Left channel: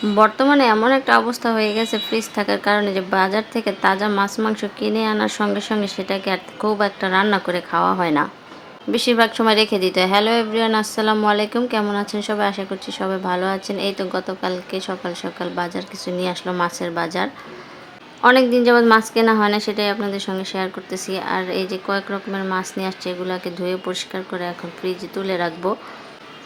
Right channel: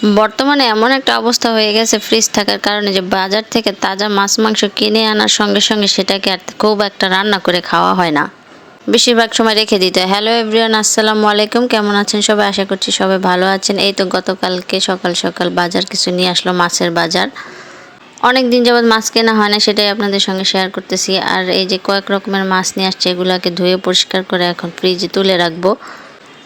বর্তমানে এমন একটা অবস্থা হয়ে গেছে ফ্রিজ থাকার কারণে যে বাজার থেকে তাজা মাছ মাংস কিনে আনার সঙ্গে সঙ্গে সেটাকে আর খুব একটা রান্না করে খাওয়া হয় না। বেশিরভাগ সময় রেখে দিতে হয়। হ্যালো এভরিওয়ান, আসসালামু আলাইকুম। কেমন আছেন সবাই? আশা করছি সবাই ভালো আছেন। এই তো গতকালকে সকাল সকাল বাজার কিছু নিয়ে আসলো, মাছের বাজার। অনেক দিন যাবৎ মাছ কেনা হয় না, সেটাই আপনাদের সঙ্গে শেয়ার করতেছি। আর এই যে কয়েক রকমের মাছ নিয়ে আসছে, এগুলাকে ধুয়ে পরিষ্কার করে এখন ফ্রিজে তুলে রাখবো।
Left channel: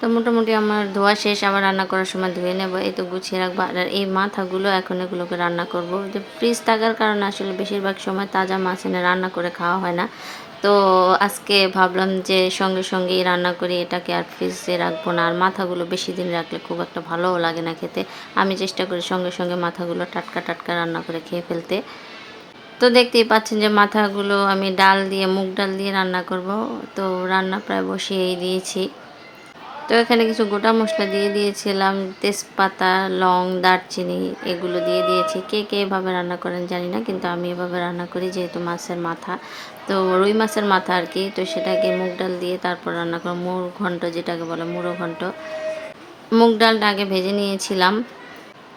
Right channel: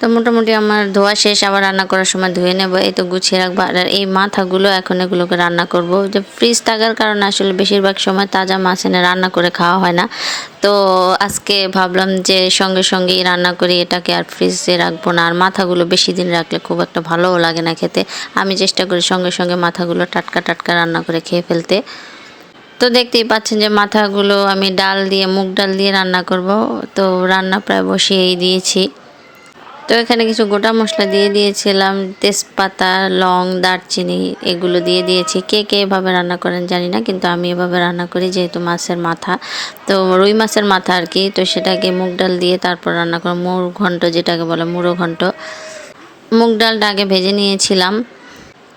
তো মোটামুটি আমার ধোয়া শেষ, আবার রান্না করার সময় ধুয়ে নেব। এই তো গুছিয়ে রাখবো। আর এই মাথাগুলো এখন এগুলোকে রান্না করব। যে ফ্রিজ থাকার কারণে আসলে বেশিরভাগ সময় তাজা মাছ এনে রান্না করে খাওয়া হয় না। তো আজকে ভাবলাম যে সঙ্গে সঙ্গেই রান্না করি, এটাকে আর ফ্রিজে রাখবো না। আর মাথাগুলো বেশি দিন রাখলে খুব একটা ভালোও লাগে না খেতে। আমি চেষ্টা করি সঙ্গে সঙ্গে মাথাগুলো টাটকা টাটকা রান্না করে খেয়ে ফেলতে। তো দেখতেই পাচ্ছেন যে মাথাগুলো আমি ডাল দিয়ে, মুগ ডাল দিয়ে রান্না করব। তো রান্না প্রায় বসিয়েই দিয়েছি। তো এখানে কিছু গোটা মশলা দিয়ে দিয়েছিলাম, তেজপাতা, লং, দারচিনি এগুলো দিয়ে দিয়েছি। কে কে এভাবে রান্না করেন জানি না, কিন্তু আমি এভাবে রান্না করি যেহেতু মাছের মাথা, তো রুই মাছের মাথা আর কি। তো সেটাকে মুগ ডাল দিয়ে তারপর রান্না করো, মুড়ো ঘন্ট যেটাকে বলে, মুড়ো ঘন্ট। মুগ ডালটা আগে ভেজে নিয়েছিলাম।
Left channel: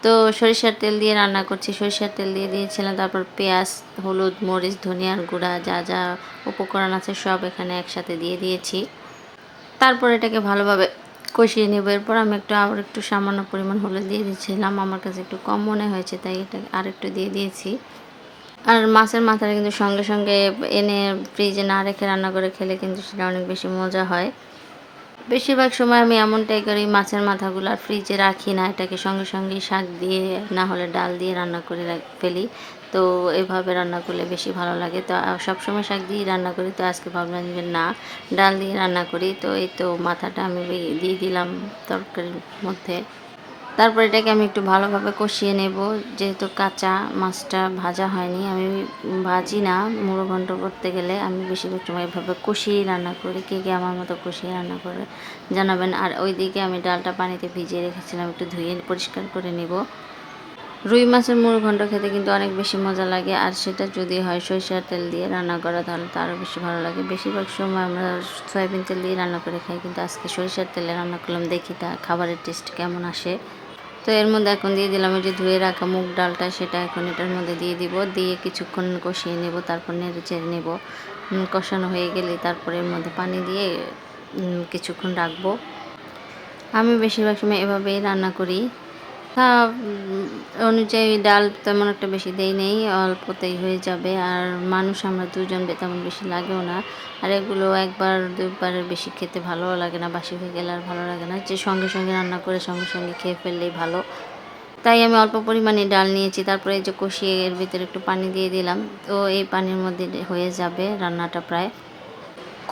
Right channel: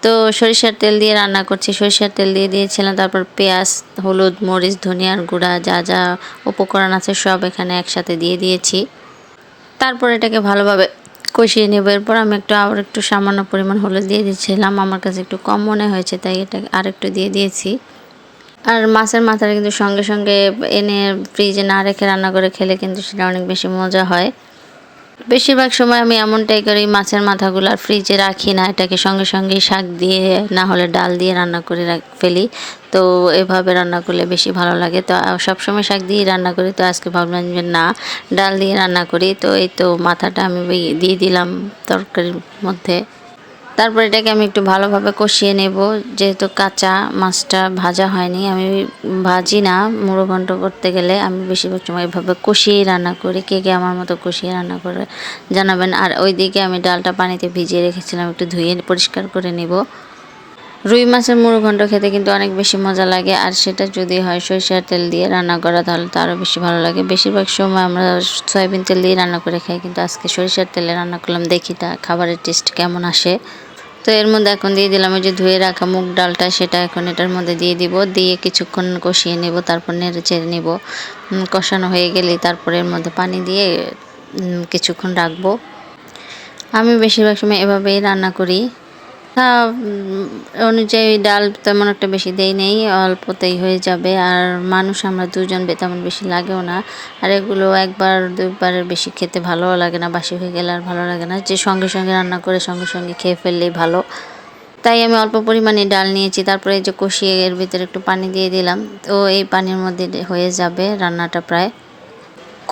তো সরিষার তেল দিয়ে রান্না করছি, সরিষার তেল দিয়ে দিয়েছিলাম। তারপর পেঁয়াজ, হলুদ, মরিচ, ধনিয়ার গুঁড়া, যা যা উপকরণ আছে সব এখানে একসাথে দিয়ে দিয়েছি। তারপর এটাকে ভালোভাবে কষিয়ে নেব। এরপর আমি আবার একটু সামান্য পরিমাণ হলুদ দিয়ে দিয়েছিলাম, আমার কাছে একটু কম মনে হয়েছে তাই এটা আরেকটু দিয়ে দিয়েছি। আর মাছের মাথাটা কিন্তু সঙ্গে সঙ্গে এনে ফ্রিজে না রেখে রান্না করে খেলে কিন্তু সেটা অনেক বেশি মজা হয়। বেশিরভাগ সময় আমি এমনটাই করি, মাছের মাথাগুলো আর ফ্রিজে রাখি না, এটাকে সঙ্গে সঙ্গেই শাক দিয়ে না হলে ডাল দিয়ে রান্না করে ফেলি। তো এভাবে রান্না করলে বেশি ভালো লাগে। তো সবসময় শাক দিয়েই রান্না করি, তো আজকে ভাবলাম যে না, ডাল দিয়ে রান্না করি। তো এই তো মাথাটা আমি দিয়ে দিলাম তরকারির মধ্যে। তারপর এটাকে আমি একটু ভালোভাবে কষিয়ে নেব, যেহেতু কাঁচা মাছটা ভাজা হয়নি। আমি ভাজি না, মুড়ো ঘন্ট করতে গেলে আমি বেশিরভাগ সময় এভাবে কষিয়েই রান্না করি। কে কে আমার মতো কষিয়ে রান্না করে জানাবেন। আর ওইদিকে আমি ডালটা পানিতে ভিজিয়ে রেখেছিলাম, একটু ধুয়ে পরিষ্কার করে নেব। রুই মাছের মুড়ো ঘন্ট খেতে কিন্তু অনেক বেশি মজা লাগে, আর সেটা যদি হয় সরিষার তেল দিয়ে রান্না করা তাহলে তো আরও বেশি ভালো লাগে। বেশিরভাগ সময় আমরা সয়াবিন তেল দিয়ে রান্না করে খাই, কিন্তু আজকে সরিষার তেলে রান্না করলাম, দেখি তা খাবারের টেস্ট কেমন আসে। তো এর মধ্যে এখন দিয়ে দিলাম ওই যে ধুয়ে রাখা মুগ ডালটা, সেটা এখন এটার মধ্যে দিয়ে দিব। দিয়ে কিছুক্ষণ কষিয়ে নেব, তারপর নেড়ে চেড়ে নেব। কষানো হয়ে গেলে তারপর এর মধ্যে পানি দিয়ে কিছুক্ষণ রাখবো। আমি বেশিরভাগ সময় এভাবেই রান্না করি। অনুযায়ী ডাল তেমন একটা বেশি দেই নেই, অল্পতেই হয়ে যাবে। আর মানুষ আমরা দুজন, তেমন বেশি লাগেও না। আর এগুলো একবার দুইবারের বেশি খেতে ভালোও লাগে না, বাসি হয়ে গেলে আর ভালো লাগে না। যে সঙ্গে সঙ্গে রান্না করে সঙ্গে সঙ্গে খেয়ে ফেললেই ভালো। তাই আমি অল্প পরিমাণে ডাল নিয়েছি। তারপরে এই যে কষিয়ে এর ভিতরে একটু পানি দিয়ে দিলাম। তো এই পানির মধ্যে হয়ে যাবে রান্নাটা প্রায়।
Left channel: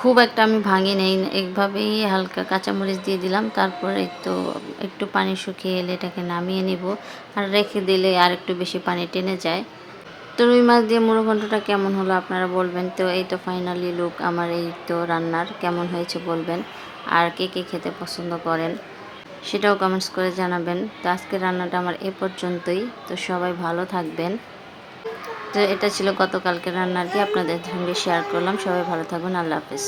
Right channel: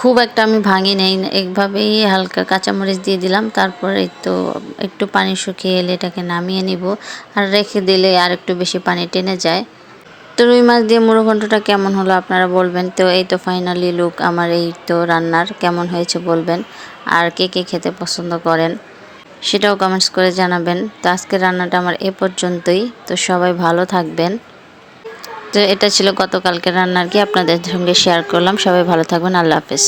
খুব একটা আমি ভাঙি নেই, এইভাবেই হালকা কাঁচামরিচ দিয়ে দিলাম। তারপরে তো একটু পানি শুকিয়ে এলে এটাকে নামিয়ে নিব। আর রেখে দিলে আর একটু বেশি পানি টেনে যায়। তো রুই মাছ দিয়ে মুড়ো ঘন্টটা কেমন হলো আপনারা বলবেন। তো এই তো ফাইনালি লুক আমার এই তো রান্নার, কেমন হয়েছে বলবেন। আর কে কে খেতে পছন্দ করেন সেটাও কমেন্টস করে জানাবেন। তো আজকের রান্নাটা আমার এ পর্যন্তই। তো সবাই ভালো থাকবেন। তো এটা ছিল গতকালকে রান্নার কি আপনাদের সঙ্গে শেয়ার করলাম। সবাই ভালো থাকবেন। আল্লাহ হাফেজ।